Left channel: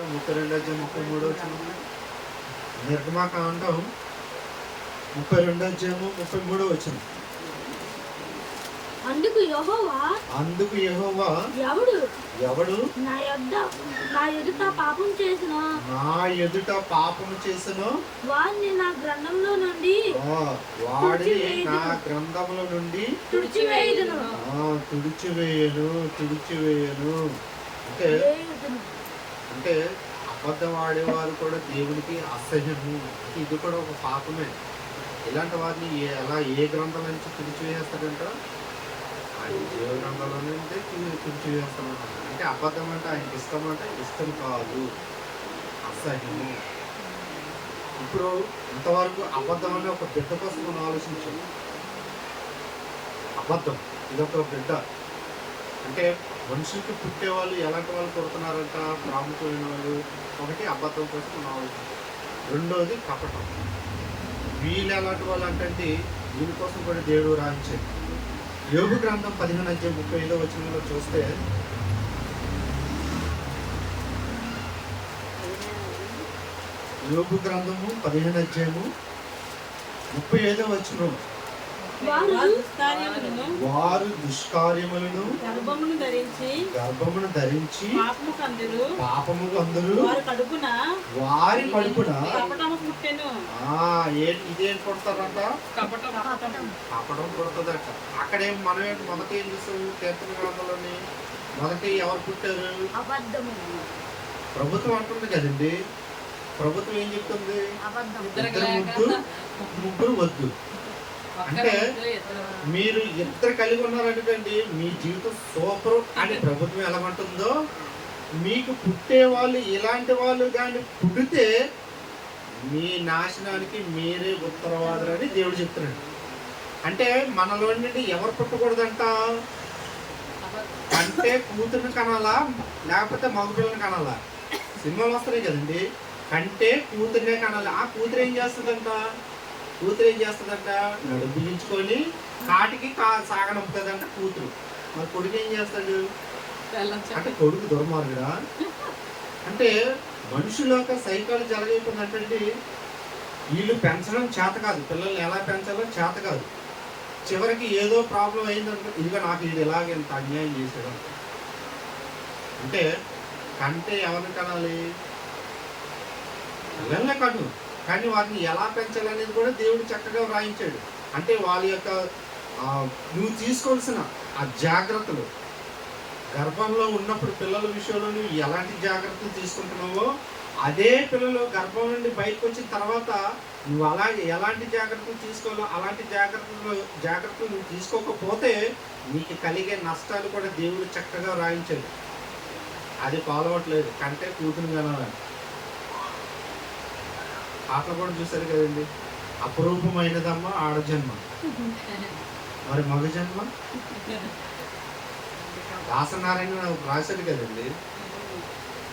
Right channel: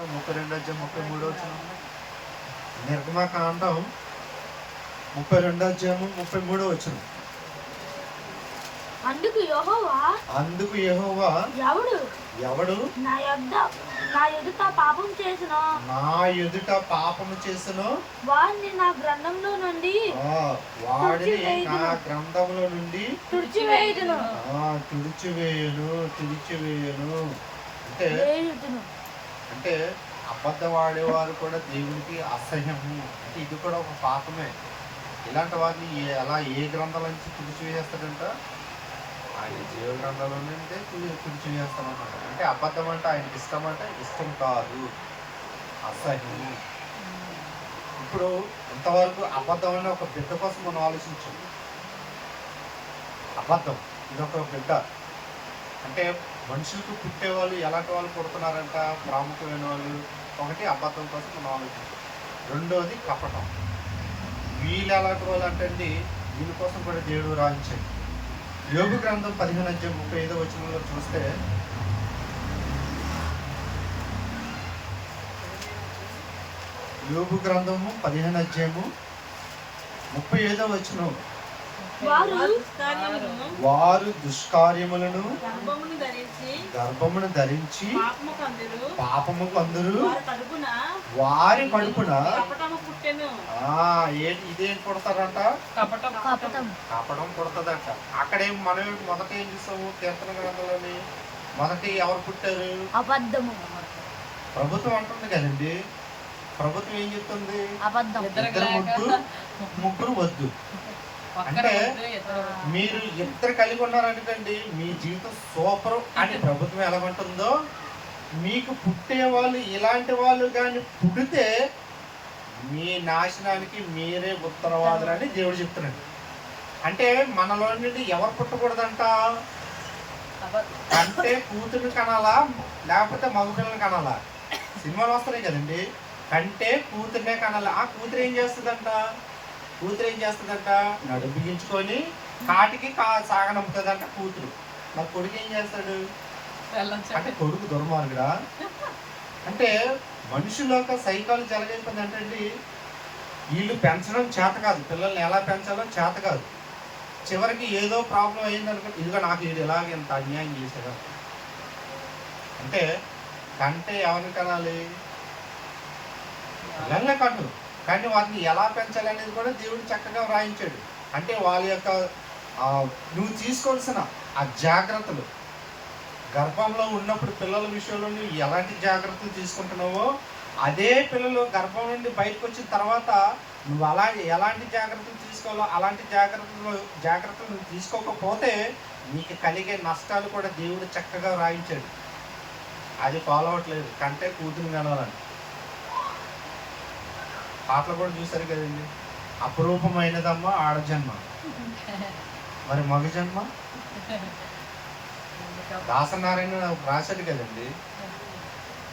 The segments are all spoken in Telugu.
32 నిర్గమాకాండం 32 అందుకు యెహోవా ఎవడు నా ఎదుట పాపము చేసిన వాడిని నా గ్రంథంలో నుండి తుడిచివేయను అంటే అబద్ధం ఆడేవారు కూడా దేవునికి అసహ్యము. అంటే ఇది కూడా ఒక పాపమే. ఇలాంటి వారిని ఏ గ్రంథాల నుంచి తుడిచివేస్తాడంట? ఆయన జీవ గ్రంథాల నుండి తుడిచివేస్తాను. అంటే అబద్ధం అంటే ఆయనకి ఇష్టం, అంటే ఇష్టం కాదు, అసహ్యము. ఇప్పుడు ఇంతవరకు అబద్ధం అనే ఒక బిడ్డ కోసం మనం ఆలోచించాం. అబద్ధం ఇదొక బిడ్డ. అంటే మనుషులకి పుట్టేవాళ్ళు ఎలాంటి వాళ్ళు పుడుతున్నారంట? ప్రాముఖ్యమైన వాళ్ళు. ఒకటి అబద్ధం కోసం మనం ఆలోచించాం. రెండోది కపటం. వీళ్ళు ఎలాంటి వాళ్ళు అంటే దీనికోసం కూడా దేవుడు రాయించాడు. యోబు గ్రంథం 15:35 చూస్తే, యోబు గ్రంథము 15:35 వారు దుష్కార్యములను గర్భమును ధరించి పాపము కందురు వారి కడుపున ఇదేం పుడతారంట? కపటం పుడతాదంట. అక్కడేం మనం మొదట ఏం చూస్తాము? కీర్తన గ్రంథంలోని మొదటి ఎవరు పుట్టారు? ప్రభుత్వం అంటుంది కదండి. ప్రభుత్వం ఏం చెప్తుంది? ముగ్గురు వద్దు. అంటే మీరు ఇద్దరు కలిగి ఉన్నారంటే మీ జీవితం సూపర్ అని ప్రభుత్వం ఎలాగుంటుందో, మీకు పుట్టే వాళ్ళు ఇలాంటి వాళ్ళు కానీ పుడితే మీ నాశనానికి మీరే ఉత్తరవాదులని దేవుడు చెప్తున్నాడు. అంటే మనలో నుండి ఎవరు పుట్టకూడదంట? అంటే కూతురుని కనాలా లేకపోతే మగపిల్లని కనాలా? సినిమాలు వస్తున్నాయి కదండి. కంటే కూతురునే కనాలి. ఆ కూతురు ఏం చేస్తుందంట? నడుము బిగించుకొని కాటికి సాగనంపుతుందంట కూతురు. మరి కొడుకు ఏం చేస్తాడు? అంటే కొడుకు దుర్మార్గుడా? అంటే మనుషుల యొక్క సైకాలజీ ఎలాగైపోయింది అంటే వీళ్ళు పెంచడం చేత కాదు, పిల్లల్ని ఎలా పెంచాలో చేత కాదు. చివరికి ఏదో ప్రాబ్లం అయిందనుకో, ఇదిగో నాకు వీడు ఎలాగ ఎంత అన్యాయం చేశాడు అంటే కంటే ఎవరిని కనాలి? పిల్లల్నే కను. కానీ వాటిని ఎలా పెంచాలి అనేది కూడా దేవుడు చక్కగా వ్రాయించాడు. అంటే వాళ్ళ యొక్క నువ్వు తీసుకోవాల్సిన ఆ జాగ్రత్తలు, గర్భంలో ఉన్నప్పుడు పిల్లల విషయంలో నువ్వు ఎలాంటి జాగ్రత్తలు తీసుకుంటున్నావో, అదే పిల్లలు గర్భం నుండి బయటకు వచ్చిన తర్వాత నువ్వు ఎలాంటి జాగ్రత్తలు తీసుకోవాలో అలాంటి జాగ్రత్తలు నువ్వు తీసుకోకపోతే నీకు కలిగే నష్టాలు కూడా దేవుడు చక్కగా వ్రాయించాడు. అది ఫాలో అవ్వట్లేదు. కంటే కూతురు కనాలని పాటలు కూడా చూసారు కదండి. అపురూపమైనదమ్మ ఆడజన్మ, మరి మగ జన్మ దాసనారాయణ రాశాడు కదండి.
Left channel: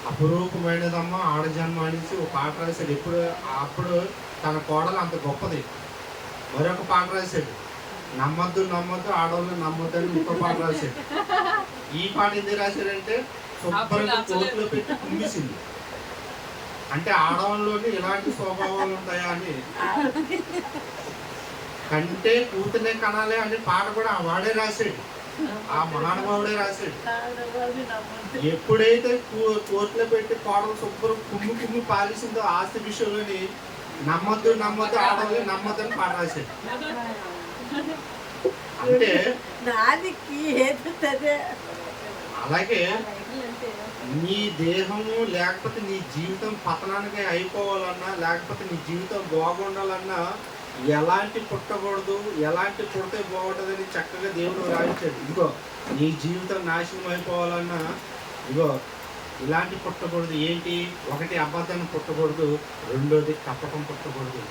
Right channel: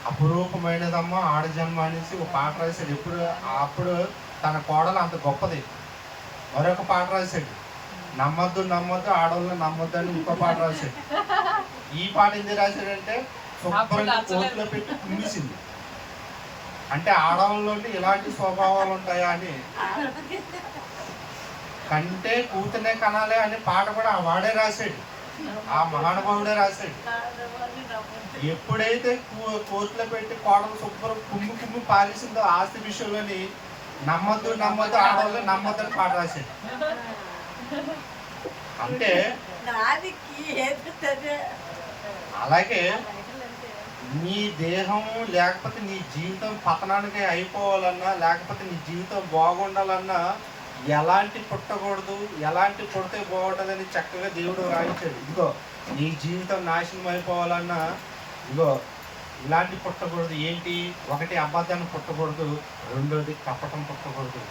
అపురూపమైనదమ్మ ఆడజన్మ అనేసి ఒక పాట రాశాడు. అప్పుడు తన కోడలు అంత గొప్పది. మరొక పాట రాశాడు, నమ్మద్దు ఆడవాళ్ళు నమ్మద్దు అని ఇంకో పాట రాశాడు. ఈ పాట ఎందుకు రాశాడంటే శుభ్రంగా కోర్టులో పెట్టి కుమ్మిసింది. అంటే ఆడవాళ్ళలోని ఇలాంటి స్వభావాలు ఉంటాయా అని. కంటే కూతునే కనాలే అనే పాట కూడా వాడే రాశాడు, ఆ మహానుభావుడే రాశాడు. ఎప్పుడైతే కోర్టులో పెట్టి కోడలు శుభ్రం కుమ్మి పారేసిందో ఆస్తి విషయంలోని నమ్మద్దు ఆడవాళ్ళు నమ్మద్దు అని పాట రాశాడు. అంటే అలాగే నీ దేహము లేకపోతే నీ జీవితం పతనానికి అయిపోవాలన్నా, లేకపోతే నీ జీవితం బాగుండాలన్నా ఎలాంటి పుట్టకూడదు, ఎలాంటి పుడితే బాగుంటుందని చక్కగా దేవుడు రాయించాడు. ఇదిగో నీ జీవితం నాశనం అయిపోవాలన్నా ఇదిగో ఇలాంటి పుట్టకూడదు. ఏంటి? ఒకటి అబద్ధాన్ని పుట్టకూడదు, రెండోది కపటం పుట్టకూడదు.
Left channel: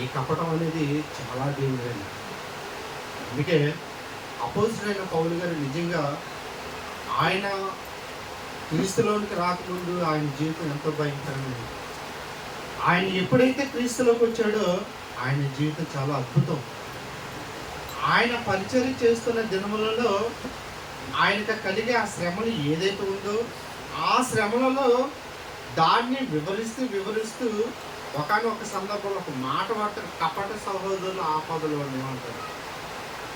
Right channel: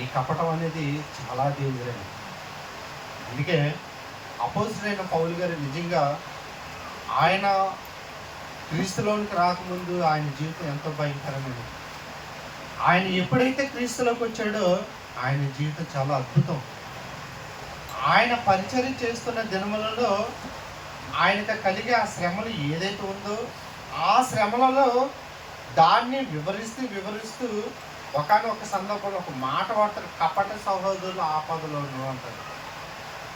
ఈ కపటం అనేది చాలా డేంజర్ అండి. అందుకే అపోజిట్ పౌలు గారు నిజంగా ఆయన క్రీస్తులోనికి రాకముందు ఆయన జీవితం ఎంతో భయంకరమైనది. ఆయన ఎప్పుడైతే క్రీస్తులోకి వచ్చాడో ఆయన జీవితం చాలా అద్భుతం. ఆయన పరిచర్య చేస్తున్న దినములలో ఆయనకు కలిగే ఆ శ్రమలు ఏదైతే ఉందో ఆ శ్రమలలో దాన్ని వివరిస్తూ ఒకానొక సందర్భంలో ఒక మాట వాడతారు, కపట సహోదరుల ఆపదలోను అంటారు.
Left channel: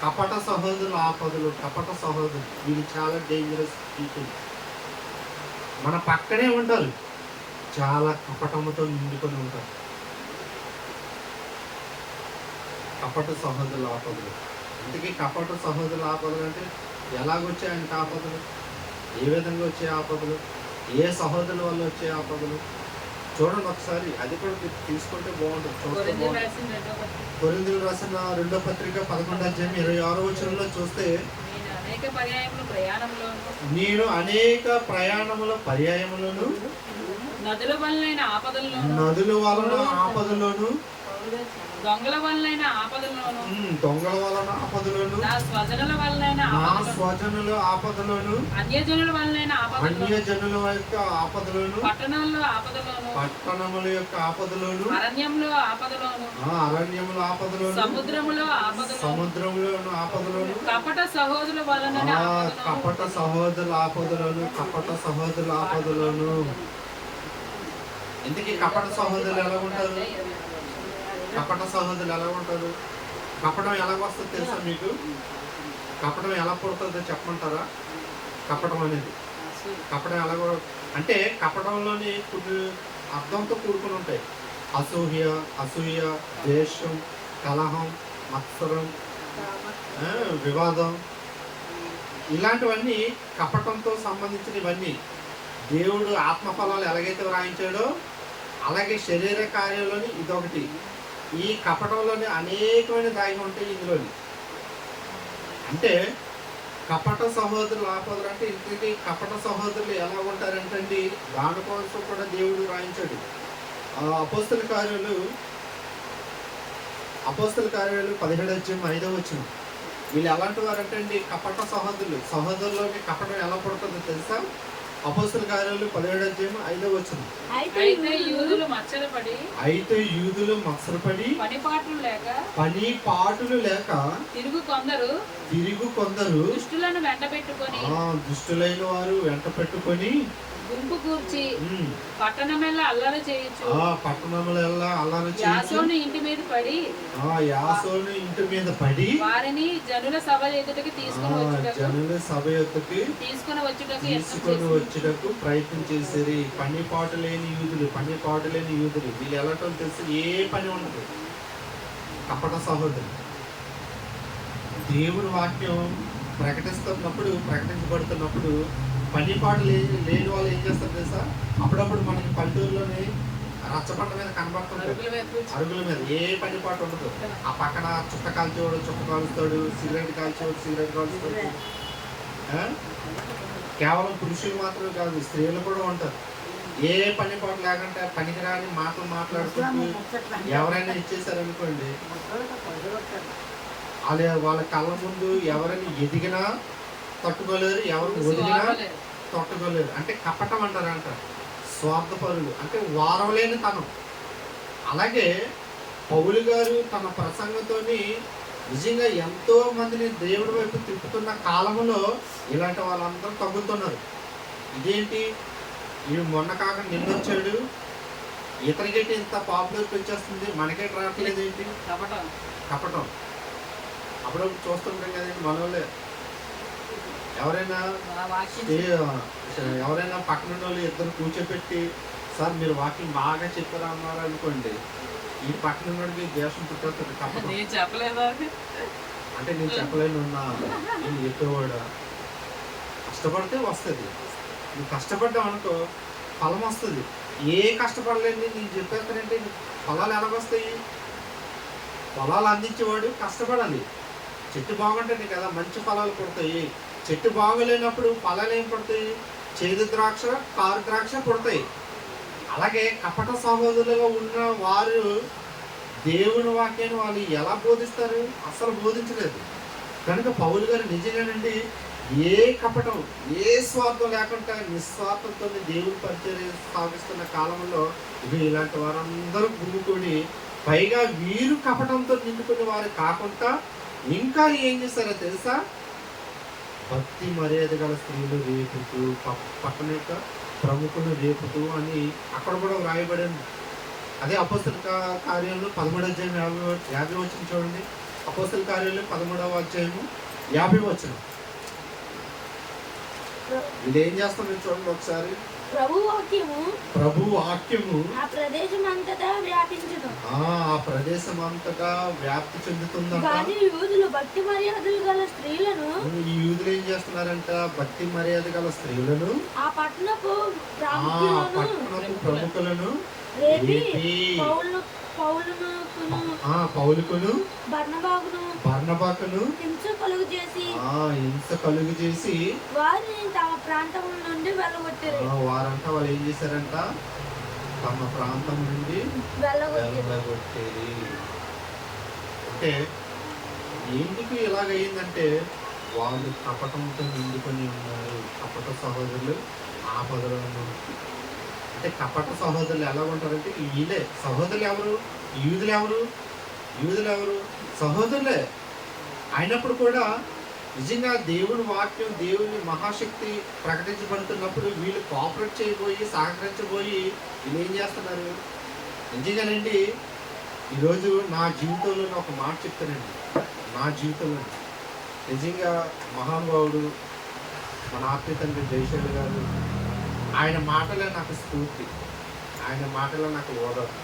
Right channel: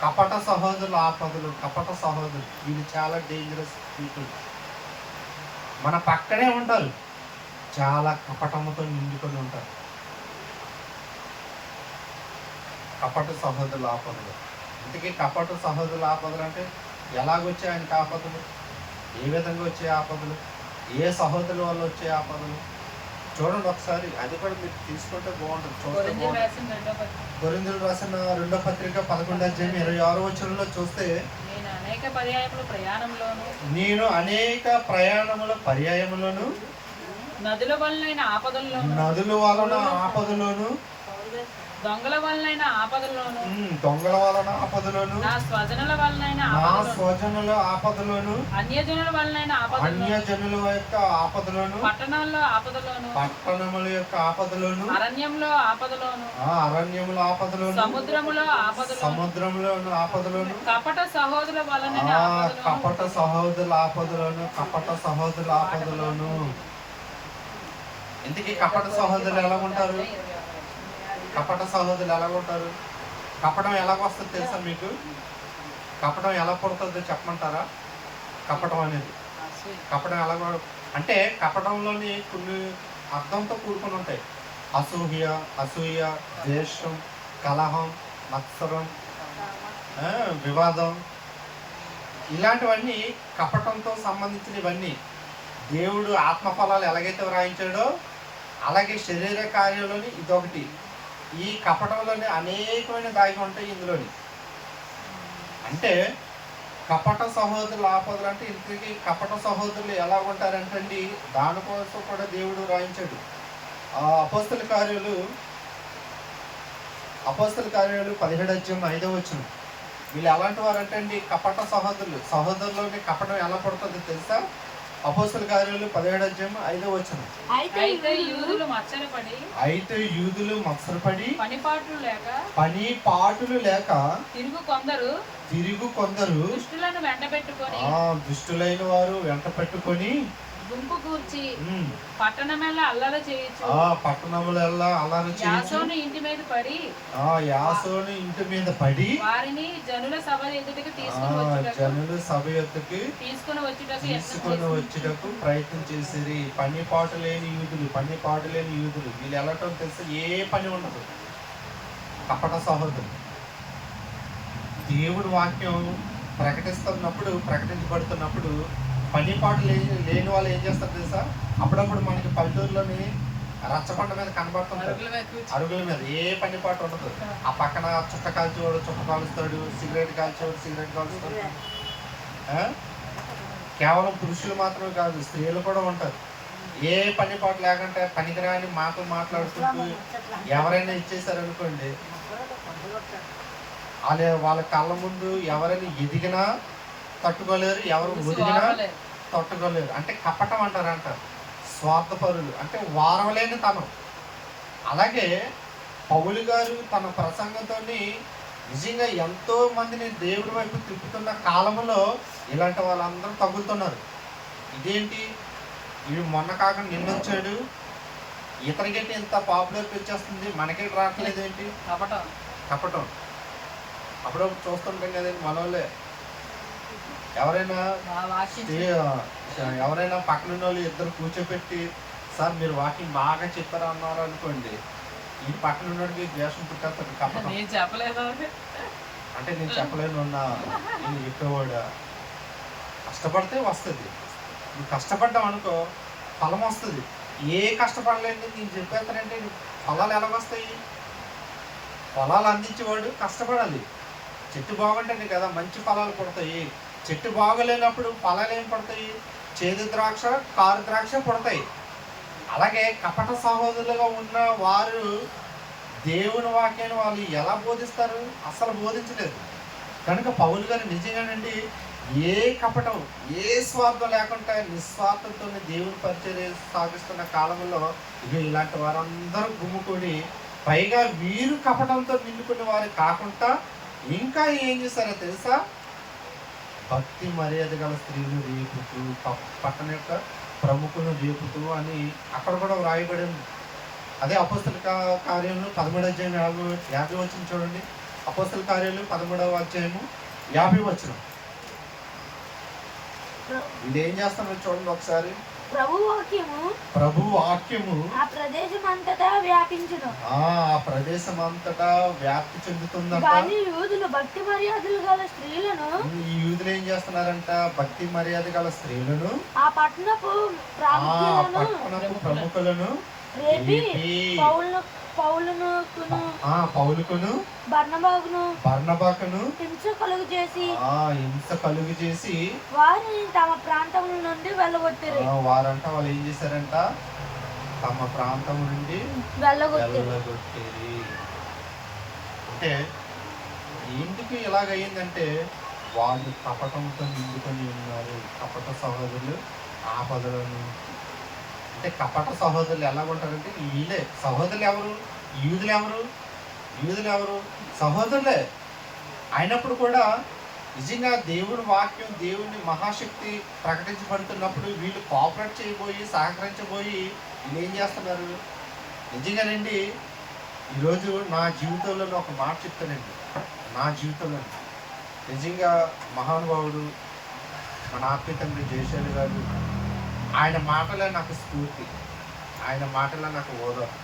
కపట సహోదరుల ఆపదలు, కపట సహోదరులు వీళ్ళు చాలా డేంజరస్ పీపుల్. మన పక్కనే ఉంటారు, చాలా కపటముతో నిండుకొని ఉంటారు. కపట సహోదరుల ఆపదలు. ఇంతకీ కపట సహోదరుల ఆపదలు అంటే ఎలాగొచ్చే ఆయనకి ఆపదలు, ఏ విధంగా వచ్చే ఆపదలు, ఏ సహోదరుల వల్ల వచ్చే ఆపదలు చూడండి ఒకసారి. అది కూడా మీరు తీసుకుంటే బాగుంటుంది, చూస్తే బాగుంటుంది. కొరింథీయులకు రాసిన 2వ పత్రిక 11వ అధ్యాయం 26వ వచనంలో చూస్తే, నేను అనేక ప్రయాణముల పర్యాయములను నదుల వలన ఆపదలోను దొంగల వలన ఆపదలోను నా స్వజనుల ఆపదలోను అన్యజనుల వలన అన్యజనుల యొక్క ఆపదలోను పట్టణముల యొక్క ఆపదలోను అరణ్యముల ఆపదలోను సముద్రములోను ఆపదలోను కపట సహోదరుల వలన కపట సహోదరుల ఆపదలోను. ఇంతకీ కపట సహోదరులు ఎలా ఉంటారు? కపటం ఎలాగొస్తుంది తెలుసా మీకు? కపటం ఎలా పుడుతుందో చెప్పమంటారా? కపటం అనేది కపటం ఎలాగో అంటే కపటంలోని కొన్ని అర్థంతో కూడుకుని ఉంటాయి. అసూయ, ద్వేషం, కలహం, మత్సరం, వివాదం, ఇలాంటివన్నీ కపటంతో సంబంధించినవన్నీ. దేవుడు ఆత్మఫలాలు ఎలాగైతే వ్రాయించాడో అలాగే శరీర కార్యంలోని ఇదొకటి. ఈ కపటంలోనే అనేకమైన దాగి ఉంటాయి ఇందులోని. అంటే కపట సహోదరుల ఆపదలు అంటే ఇంటికి కపట సహోదరులు ఎలా ఉంటారంటండి, దానికోసం కూడా దేవుడు రాయించాడు. అపోస్తల కార్యాలు 17వ అధ్యాయం 5వ వచనం. వీళ్ళు ఎలాంటి వారు అంటే అండి, కపట సహోదరులోని కపటం ఎలా పడుతుందో తెలుసా? అపోస్తల కార్యాలు 17వ అధ్యాయం 5వ వచనం. అయితే యూదులు మత్సరపడి పని పాటులు లేక తిరుగు కొందరు దుష్టులైన వారు వెంట పెట్టుకొని గుంపు కూర్చి పట్టణమెల్లా అల్లరి చేయొచ్చు. యాసోను ఇంటి మీద పడి వారిని జనుల సభ ఎదుటకి తీసుకొని వచ్చుటకు ప్రయత్నం చేసేది. పని పాటు లేని యూదులు వీళ్ళు ఎలాటో తెలిసి ఏ పని ఉండదు. కపట సహోదరులు దేవుని వాక్యం ప్రకటించబడుతున్నప్పుడు పని పాటు లేని వాళ్ళు ఏం చేస్తారు తెలుసా? అప్పుడప్పుడు మనకి పల్లెటూరులోని రచ్చబండ మీద కనబడుతుంటారు, అరుగుల మీద ఏ పని పాటు ఉండదు. ఆ పక్కన చుట్ట కాల్చేవాడు చుట్ట కాలుస్తాడు, సిగరెట్ కాల్చుతాడు. కేవలం పురుషులు మాత్రమే కాదు, స్త్రీలు కూడా ఉంటారు. ఏ పని పాటు లేకుంటే పనికిరాని మాటలు మాట్లాడుకుంటూ ఎవరైనా ఇచ్చేసారనుకోండి, వాళ్ళ కళ్ళ ముందు ఎవరైనా ఎదిగినా తట్టుకోలేరు, ఎవరు ఒదిగినా తట్టుకోలేరు. అంటే కపటం అంటారంట. స్వార్థపరులు అంటే వారవలేని తనం. అలాగే పౌలు గారు తన ప్రసంగంతో నిజంగా ఎంతో మందిని దేవుడి వైపు తిప్పుతున్న కాలంలో ఇలాంటి వాళ్ళందరూ తగ్గుతున్నారు. ఇదేంటి, వీడు మొన్న కాకుండా నిన్నొచ్చాడు, ఇతనికైతే ఇంత పాపులారిటీ వచ్చేస్తుంది, మనకే రావట్లేదు ఏంటి? కపటం. అప్పుడప్పుడు చూస్తుంటాం కదండి మనోళ్ళే. ఎవరైనా పక్కన వాళ్ళు ఇద్దరు కూర్చోపెట్టి, సార్ మీరు వాకింగ్ బాగా చెప్పారా అన్నారు అనుకోండి, ఈ పక్కన ఉన్నోడికి ద్వేషం పుట్టేస్తుంది. కపటం అంటే నేను చెప్పలేను ఉన్నా, నేను చెప్పేవాడా. కష్టపడితే వస్తుంది, నువ్వు కష్టపడ్డావు అనుకో ఫలం వస్తుంది. ఏ కష్టపడలేదు నేను చెప్పేస్తానంటే ఫలాలు ఎలాగొస్తాయి? ఫలాలు అందించేవాడు కష్టపడాలి. చెట్టు బాగుంటుంది కదా మంచి ఫలాలు పడతాయి. చెట్టు బాగోలేనప్పుడు ఫలాలు ఏం పడతాయి? చేదు ద్రాక్ష, కారు ద్రాక్ష పడతాయి. అలాగే కపట సహోదరులుగా ఉన్న వారు దేవుని వాక్యాన్ని వాళ్ళు ఎలా బోధిస్తారు? అసలు బోధించలేదు. కనుక పౌలు గారు నిజంగానండి ఏ కపటం, ఏ స్వార్థం లేకుండా నిస్వార్థంతో దేవుని పరిచర్య సాగిస్తున్న కాలంలో ఇలాంటి వారందరూ గుమ్ముకొని, పైగా వీరు కపటంతో నిండుకునే వారు కాకుండా ఇంకా ఏం చేశారో తెలుసా? భక్తి మర్యాద గల స్త్రీలు రేపుతూ పట్టణ యొక్క ప్రముఖులు రేపుతూ అని అక్కడ కూడా వ్రాయబడింది. అదే అపోస్తల కార్యంలో 13వ అధ్యాయం 50 వచనం చూడండి. అపోస్తల కార్యంలో 13వ అధ్యాయము 50 వచనం. ఇది ఏం చేస్తున్నారు చూడండి ఒకసారి. ప్రభు వాక్యము ఆ ప్రదేశం అంతటా వ్యాప్తి చెందుతుందంట. ఈ యూదులు ఏం చేస్తున్నారంట? భక్తి మర్యాద గల స్త్రీలను, ఆ పట్టణపు ప్రముఖులను పౌలుకును బర్నబాకును హింస కలుగు చేసి వారిని తమ ప్రాంతం నుండి వెళ్ళగొట్టిరి. వారంట వాళ్ళు ఏం చేశారంట? తమ ప్రాంతం నుండి వెళ్ళగొట్టిరి. అంటే ఎందుకు ఇలాగయ్యిందంటే వాళ్ళు కపటంతో నిండుకొని ఉన్నారు. కపట సహోదరులు ఆపదలను, అంటే కపట సహోదరులు ఎలా ఉంటారంటే వీళ్ళే సహోదరులు. ఎవరు? యూదులు ఎవరు? సహోదరులే అయినప్పుడు కూడా నిజంగా దేవుని వాక్యం, దేవుని మహాశక్తి ప్రకటించబడుతున్నప్పుడు వీళ్ళు కోఆపరేట్ చేయబోయి, సహకరించబోయి వీళ్ళు ఏం చేస్తున్నారు? నిజంగానండి ఈరోజు నా జీవితంలో ఒక మాట చెప్తానండి. నా జీవితంలో నిజంగా మహానుభావుడు మన ఆత్మీయ తండ్రి జయశైలి గారు, ఆయన మాటలే నాకు స్ఫూర్తి, ఆయన మాటలే నాకు ఓదార్పు.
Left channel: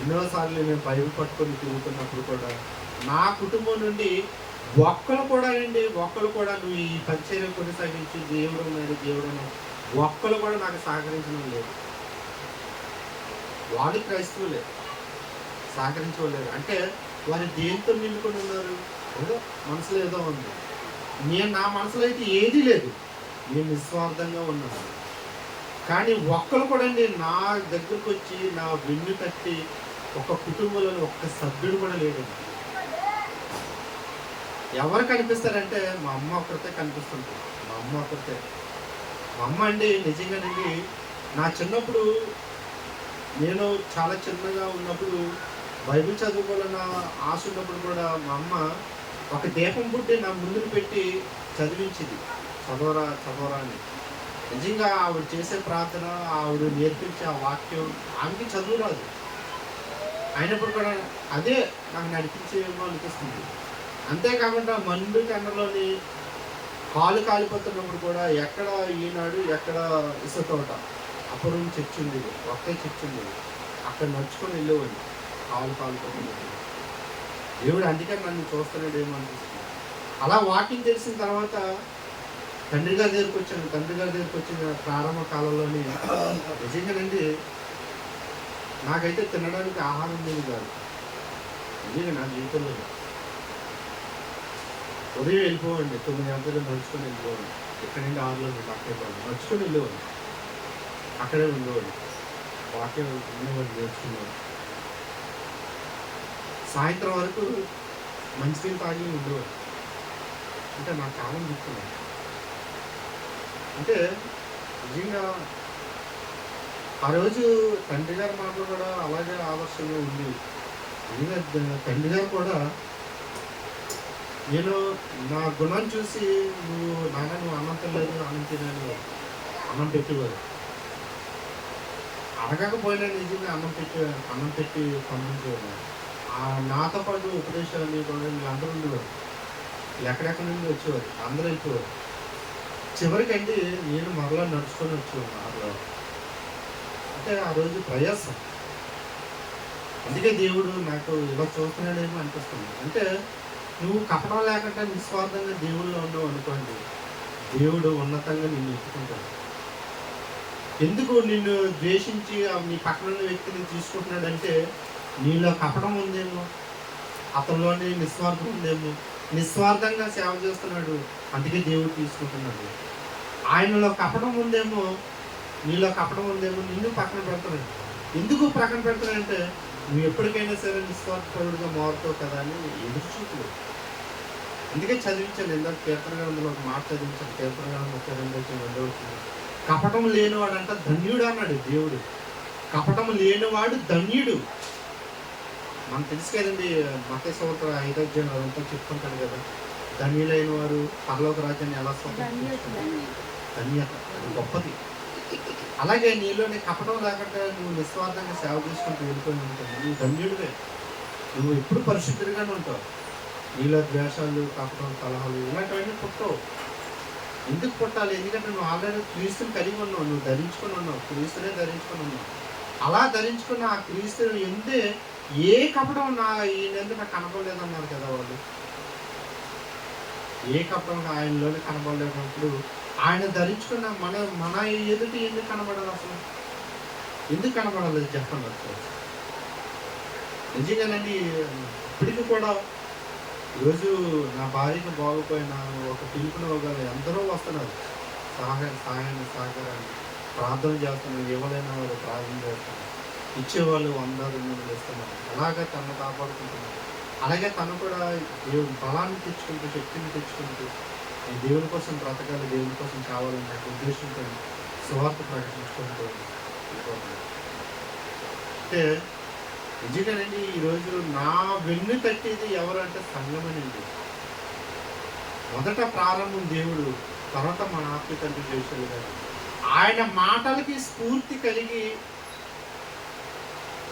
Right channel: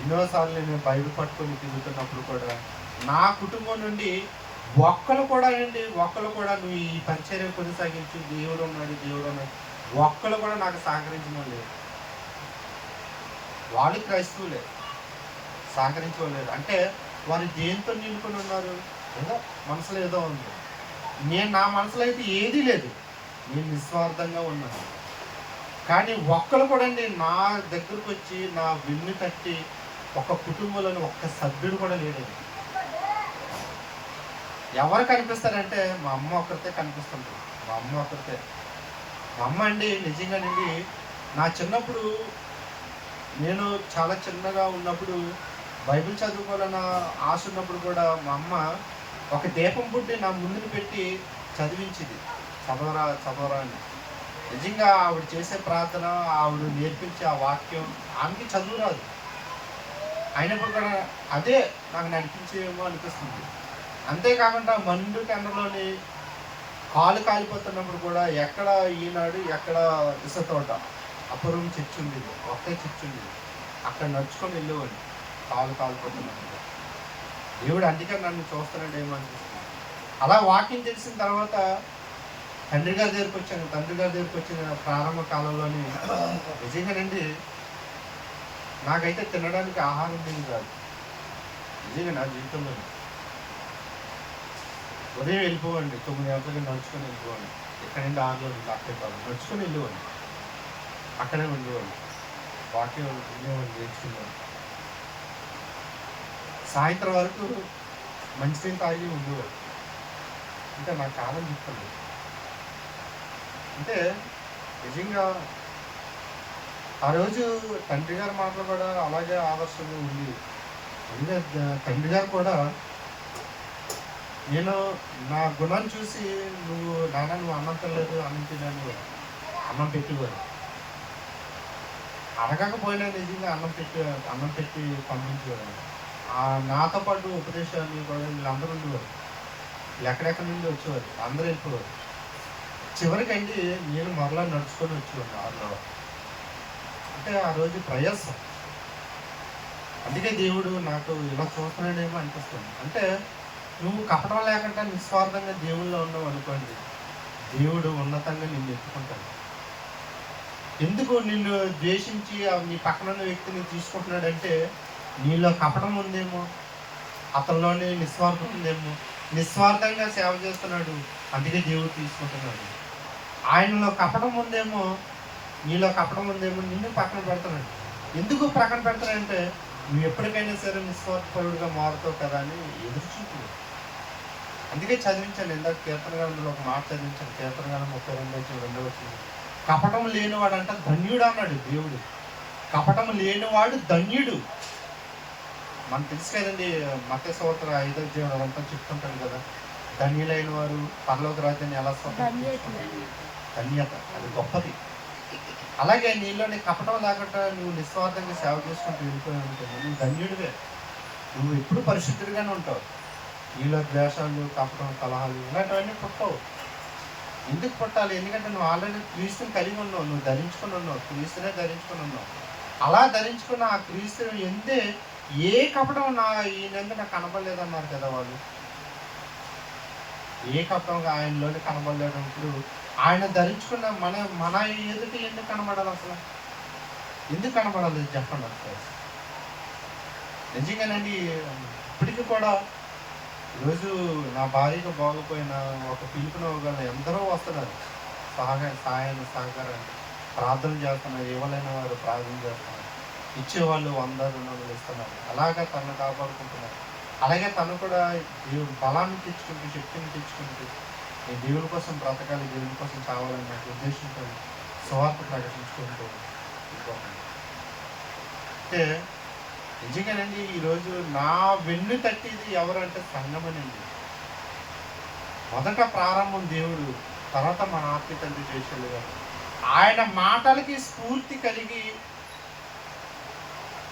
ఎన్నోసార్లు నేను బైబిల్ పట్టుకొని తిరుగుతున్నప్పుడు కూడా నా కుటుంబం నుండి ఒక్కరు కూడా నువ్వు ఈ పరిచర్య కొనసాగించి దేవుడు ఉన్నాడు ఒక్కరు కూడా నాకు సహకరించిన లేదు. వాళ్ళు క్రైస్తవులే, సహకరించలేరు. అంటే వారు దేంతో నిండుకొని ఉన్నారు? ఏదో మనసులో ఏదో ఉంది. నా మనసులో అయితే ఏదీ లేదు, నేను నిస్వార్థంగా ఉన్నాను. కానీ ఒక్కరు కూడా నా దగ్గరకు వచ్చి నా వెన్ను తట్టి ఒక కుటుంబంలోని ఒక్క సభ్యుడు కూడా లేడండి. ఎవరు కనిపిస్తారంటే మా అమ్మ ఒక్కరితే కనిపిస్తుంది. మా అమ్మ అండి నిజంగానండి. నా చిన్నప్పుడు నేను చాలా చిన్నగా ఉన్నప్పుడు బైబిల్ చదువుకోవాలన్న ఆశ ఉన్నప్పుడు కూడా మా అమ్మ ఒక దీపం బుడ్డి నా ముందుని పెట్టి చదివించింది. చదవరా అని. నిజంగా ఆవిడ చేసే ప్రార్థన, ఆవిడ నేర్పించే ఆ వాక్యం, ఆమెకి చదువు రాదు, అయినప్పుడు కూడా అదే నాకు నడిపించేమో అనిపిస్తుంది. అంతేకాకుండా మండు టెండర్లోని కాలు కాలిపోతున్నప్పుడు కూడా ఎక్కడ ఈనాడు, ఎక్కడ ఇసుతోట, అపురం చర్చ్ ఉండేది, ఒకే చర్చ్ ఉండేది, అక్కడ నడుచుకొని వెళ్ళేవాడిని కాలు కాలిపోతున్నప్పుడు. దేవుడు అందుకే నన్ను చూస్తున్నాడు ఏమో అనిపిస్తుంది. అలా వాకింగ్ తెలిసిన తర్వాత తండ్రి గారి దగ్గరికి వచ్చిన ప్రారంభ కాలంలోని నిజంగానండి నాకైతే తినడానికి ఆహారం ఉండేది కాదు. నిజంగా నా జీవితంలో ఉదయం వెళ్ళిపోవండి, 9 గంటలకు నడుచుకొని వెళ్ళిపోవండి. ఇక్కడ నుండి 6 నుండి అక్కడే నడుచుకొని వెళ్ళేవాడిని, అక్కడే ఉండేవాడిని, వాక్యం ఉండేవాడిని, నేర్చుకునేవాడిని. సాయంత్రం వరకు మంచినీళ్ళు తాగి ఉండేవాడిని. అంటే నా కాలం చెప్తున్నాను. అంటే నిజంగా ఆ రోజు తండ్రి గారి మాటలు కూడా అలాగే ఆదర్శంగా ఉంది. నిజంగా తండ్రి గారు కూడా నేను నా గుణాన్ని చూసి నువ్వు అన్నం తినలేదు, అన్నం పెట్టేవారు. అడగకపోయినా నిజంగా అన్నం పెట్టి పంపించేవారు. నాతో పాటు ఉపదేశాన్ని కూడా వీళ్ళందరూ ఉండేవారు. వీళ్ళు ఎక్కడెక్కడి నుండి వచ్చేవారు, అందరూ వెళ్ళిపోవారు. చివరికండి నేను మరలా నడుచుకొని వచ్చేవాను 6 అంటే ఆ రోజు ప్రయాసం. అందుకే దేవుడు నాకు ఇలా చూస్తున్నాడేమో అనిపిస్తుంది. అంటే నువ్వు కపటం లేకుండా నిస్వార్థంగా దేవుళ్ళలో ఉన్నావు అనుకోండి, దేవుడు ఉన్నతంగా నిన్ను ఎత్తుకుంటాడు. ఎందుకు నిన్ను ద్వేషించి నీ పక్కన ఉన్న వ్యక్తిని తీసుకుంటున్నాడంటే నీలో కపటం ఉందేమో, అతనిలోనే నిస్వార్థం ఉందేమో, నిస్వార్థంగా సేవ చేస్తున్నాడు, అందుకే దేవుడు తీసుకుంటున్నాడు. ఆయనలో కపటం ఉందేమో, నీలో కపటం ఉందేమో, నిన్ను పక్కన పెడుతున్నాడు. ఎందుకు పక్కన పెడతాడంటే నువ్వు ఎప్పటికైనా సరే నిస్వార్థపరుడుగా మారుతావు కదా అని ఎదురు చూపు. అందుకే చదివించాను ఇందాక కీర్తన గ్రంథంలో ఒక మాట చదివించాను. కీర్తన గ్రంథం 32:2 కపటం లేనివాడంట ధన్యుడు అన్నాడు దేవుడు. కపటం లేనివాడు ధన్యుడు. మనకు తెలుసు కదండి, మత్తయి సువార్త 5వ అధ్యాయం అదంతా చెప్తుంటాడు కదా, ధన్యులైన వారు పరలోక రాజ్యాన్ని ఎలా స్వతంత్రించుకుంటారు. ధన్యత, అది గొప్పది. అలాగే నీలోని కపటం లేకుండా నువ్వు నిస్వార్థంగా సేవ చేసుకుంటూ వెళ్ళిపోయి ఉంటుంది, నువ్వు ధన్యుడివే. నువ్వు ఎప్పుడు పరిశుద్ధుడిగానే ఉంటావు. నీలో ద్వేషాలు, కపటం, కలహాలు ఇలాంటివన్నీ పుట్టవు. ఎందుకు పుట్టాలి? ఎందుకంటే నువ్వు ఆల్రెడీ క్రీస్తుని కలిగి ఉన్నావు, నువ్వు ధరించుకొని ఉన్నావు, క్రీస్తునే ధరించుకొని ఉన్నావు. అలా ధరించుకున్న ఆ క్రీస్తు ఎందే ఏ కపటం ఈయనందు నాకు కనపడలేదన్నారు కదా వాళ్ళు. ఏ కపటం ఆయనలోనే కనపడలేనప్పుడు ఆయన ధరించుకున్న మన ఎదుటి ఎందుకు కనబడాలి? అసలు ఎందుకు కనబడాలి చెప్పండి ఒకసారి. నిజంగానండి, ఇప్పటికీ కూడా ఈరోజు నా భార్యకు బాగుపోయిన ఒక పిలుపునివ్వగల ఎందరో వస్తున్నారు, సహాయాన్ని సహకారాన్ని ప్రార్థన చేస్తున్నారు. ఇవ్వలేని వారు ప్రార్థన చేస్తున్నారు, ఇచ్చేవాళ్ళు 100-200 ఇస్తున్నారు. అలాగా తను కాపాడుకుంటున్నారు. అలాగే తను కూడా దేవుడు బలాన్ని తెచ్చుకుంటూ, శక్తిని తెచ్చుకుంటూ, నేను దేవుని కోసం బ్రతకాలి, దేవుని కోసం చావాలని నాకు ఉద్దేశంతో సువార్త ప్రకటించుకుంటూ వెళ్ళిపోతాను. అంటే నిజంగానండి, ఈరోజు నా వెన్ను తట్టేది ఎవరు అంటే సంఘమనండి. మొదట ప్రారంభం దేవుడు, తర్వాత మన ఆత్మీయ తండ్రి జయశీలు గారు. ఆయన మాటలకి స్ఫూర్తి కలిగి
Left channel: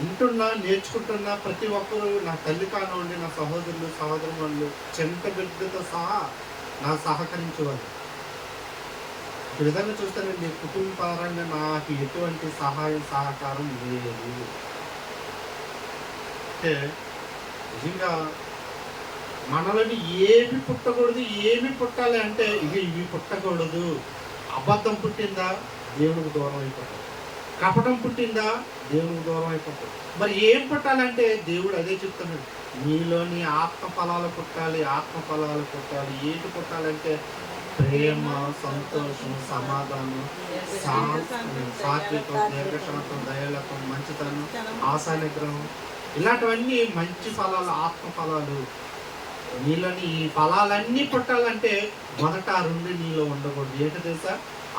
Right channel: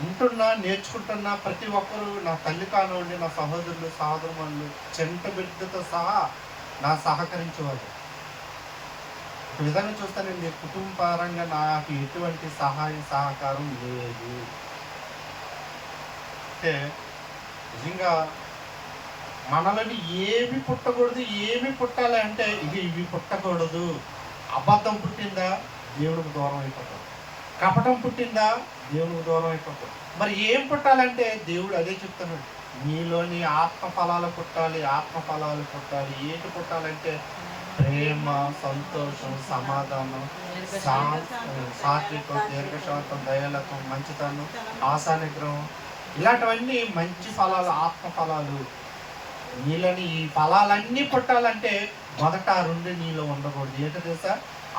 ఉంటున్నా, నేర్చుకుంటున్నా ప్రతి ఒక్కరూ, నా తల్లి కానివ్వండి, నా సహోదరులు, సహోదరులు, చెంత బిడ్డతో సహా నా సహకరించేవాళ్ళు. ఒక విధంగా చూస్తానండి, కుటుంబ పరంగా నాకు ఎటువంటి సహాయం సహకారం లేదు. అంటే నిజంగా మనలోని ఏమి పుట్టకూడదు, ఏమి పుట్టాలి అంటే ఇవి పుట్టకూడదు. అబద్ధం పుట్టిందా దేవునికి దూరం అయిపోతాం, కపటం పుట్టిందా దేవునికి దూరం అయిపోతాం. మరి ఏం పుట్టాలంటే దేవుడు అదే చెప్తున్నాడు, నీలోని ఆత్మ ఫలాలు పుట్టాలి, ఆత్మ ఫలాలు పుట్టాలి. ఏంటి పుట్టాలంటే ప్రేమ, సంతోషం, సమాధానం, సాత్వికం, దీర్ఘశాంతం, దయాలకం, మంచితనం, ఆశానిగ్రహం, ఇలాంటివన్నీ మంచి ఫలాలు, ఆత్మ ఫలాలు. నీలోని ఈ ఫలాలన్నీ పుట్టాలంటే మొదట ఆ రెండు నీలో ఉండకూడదు. ఏంటో తెలుసా?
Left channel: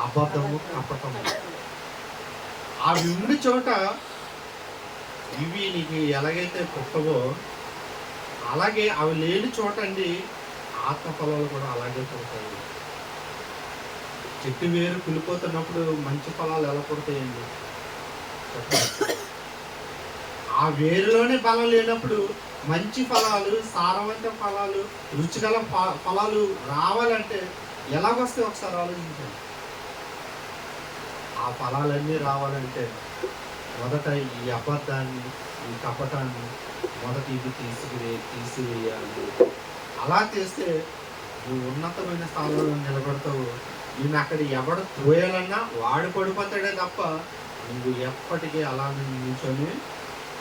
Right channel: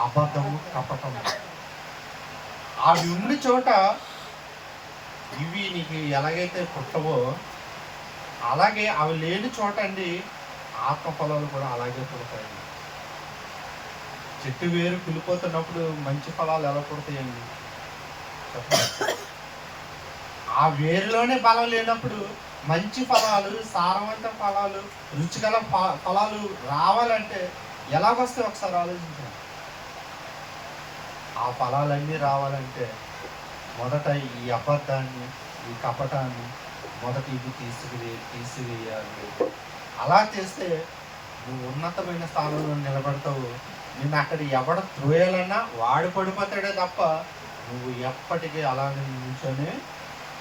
అబద్ధము, కపటము. అవి ఉండి చోట ఇవి నీకు ఎలాగైతే పుట్టవో అలాగే అవి లేని చోట అండి ఆత్మ ఫలాలు కూడా అలాగే పుడతాయి. చెట్టు వేరు కులిపోతున్నప్పుడు మంచి ఫలాలు ఎలా పుడతాయండి చెప్పండి. ఆ వేరులోనే బలం లేనప్పుడు మంచి ఫలాలు, సారవంత ఫలాలు, రుచిగల ఫలాలు రావాలంటే ఎలాగొస్తాయి ఒకసారి ఆలోచించండి. ఆ ఫలాలన్నీ రావాలంటే మొదట ఈ అబద్ధాన్ని, ఈ కపటాన్ని మొదట ఇవి తీసివేయాలి. అలా చేస్తే నువ్వు ఉన్నతమైన స్థానంలో నిలబడతావు. నేను అక్కడ ఎవడ త్రోయాలన్నా వాడు పడిపోతాడే తప్ప నువ్వు ఎప్పటికీ అలాగే నిల్చొని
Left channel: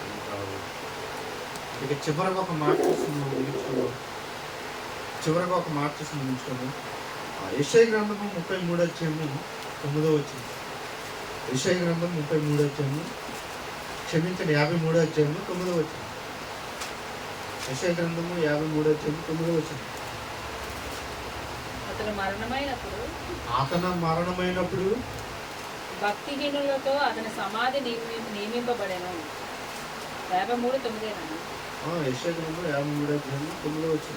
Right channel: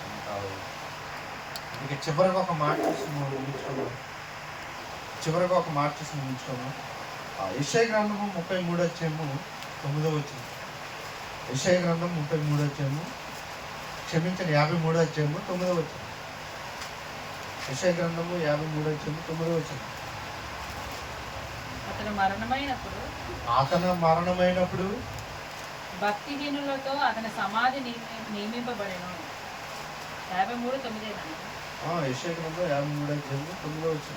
ఉంటావు. ఇక చివరికి ఒక మాట చూసి నువ్వు నిల్చుకున్నావు. చివరికి ఒక మాట చూసి నిల్చుకున్నావు. యెషయా గ్రంథము 33:9. యెషయా గ్రంథం 33 క్షమించండి 53:9. యెషయా గ్రంథము 53:9. అతను మరణమైనప్పుడు భక్తిహీనులతో అతని సమాధి నియమింపబడెను. 53:9. యెషయా గ్రంథం 53:9.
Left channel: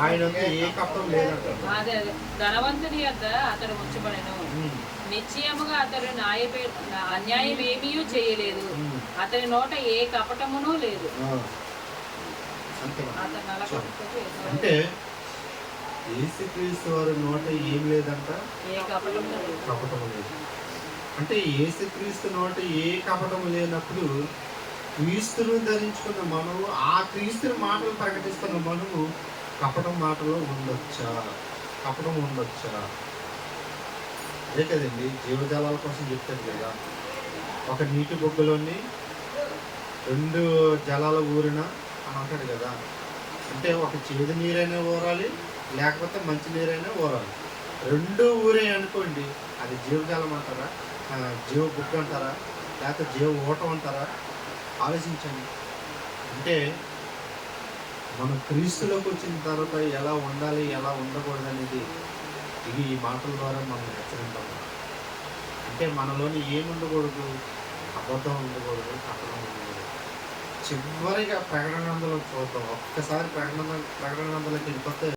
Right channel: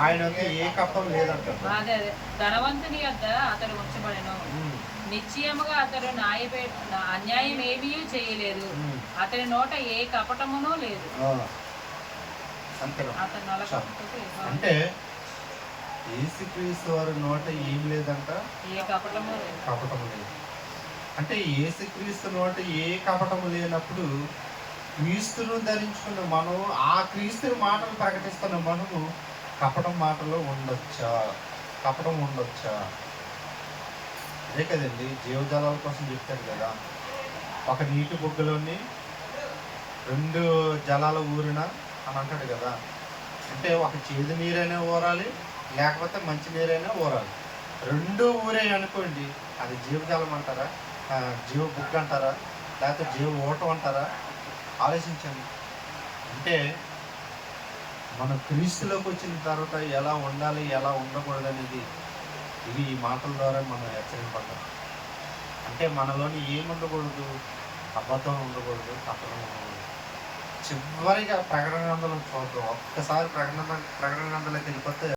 ఆయన ఏ కప్పం లేదంట. అదే ధనవంతుని యొద్ద అతడు ఉంచబడెను. నిశ్చయముగా అతడు అన్యాయం ఏమీ చేయలేదు. అతని నోట ఏ కపటమును లేదు. అంటే యేసుక్రీస్తు వారి నోట ఏం లేదంట, ఏ కపటము లేదు. అంటే యేసుక్రీస్తు నోట ఏ కపటము లేనప్పుడు క్రీస్తును ధరించుకున్న మనము, ఆ క్రీస్తుని మాటలు ప్రకటిస్తున్న మనము కపటం మాటలో ఉండొచ్చా? కపటం ఉండొచ్చా? అదే కదండి జీవజాలాల కోసం చెప్తాడు కదా, ఒక నీటి బొగ్గులోని 2 జలాలు ఊరిన అని అంటాడు కదా. అంటే ఒక చేదు నీరైనా ఊరాలి, లేకపోతే మంచి నీరైనా ఊరాలి. 2 ఊరే అనుకోండి, అది జీవజాలం అంటారా, జీవ బుక్ అంటారా, లేకపోతే జీవ ఓటం అంటారా? ఆలోచించండి. అంటే మనం క్రీస్తులోకి వచ్చిన తర్వాత ఎలా ఉండాలి, ఎలా ఉండకూడదు అనేది ఇవి ఈ మాటల ద్వారా మనం హెచ్చరింపడం. అంటే మనలోని ఏముండకూడదు, అబద్ధం ఉండకూడదు, కపటం ఉండకూడదు. చివరిగా ప్రకటన గ్రంథంలో చూద్దాం. ఒక్కసారి ప్రకటన గ్రంథంలోకి వెళ్ళిపోతే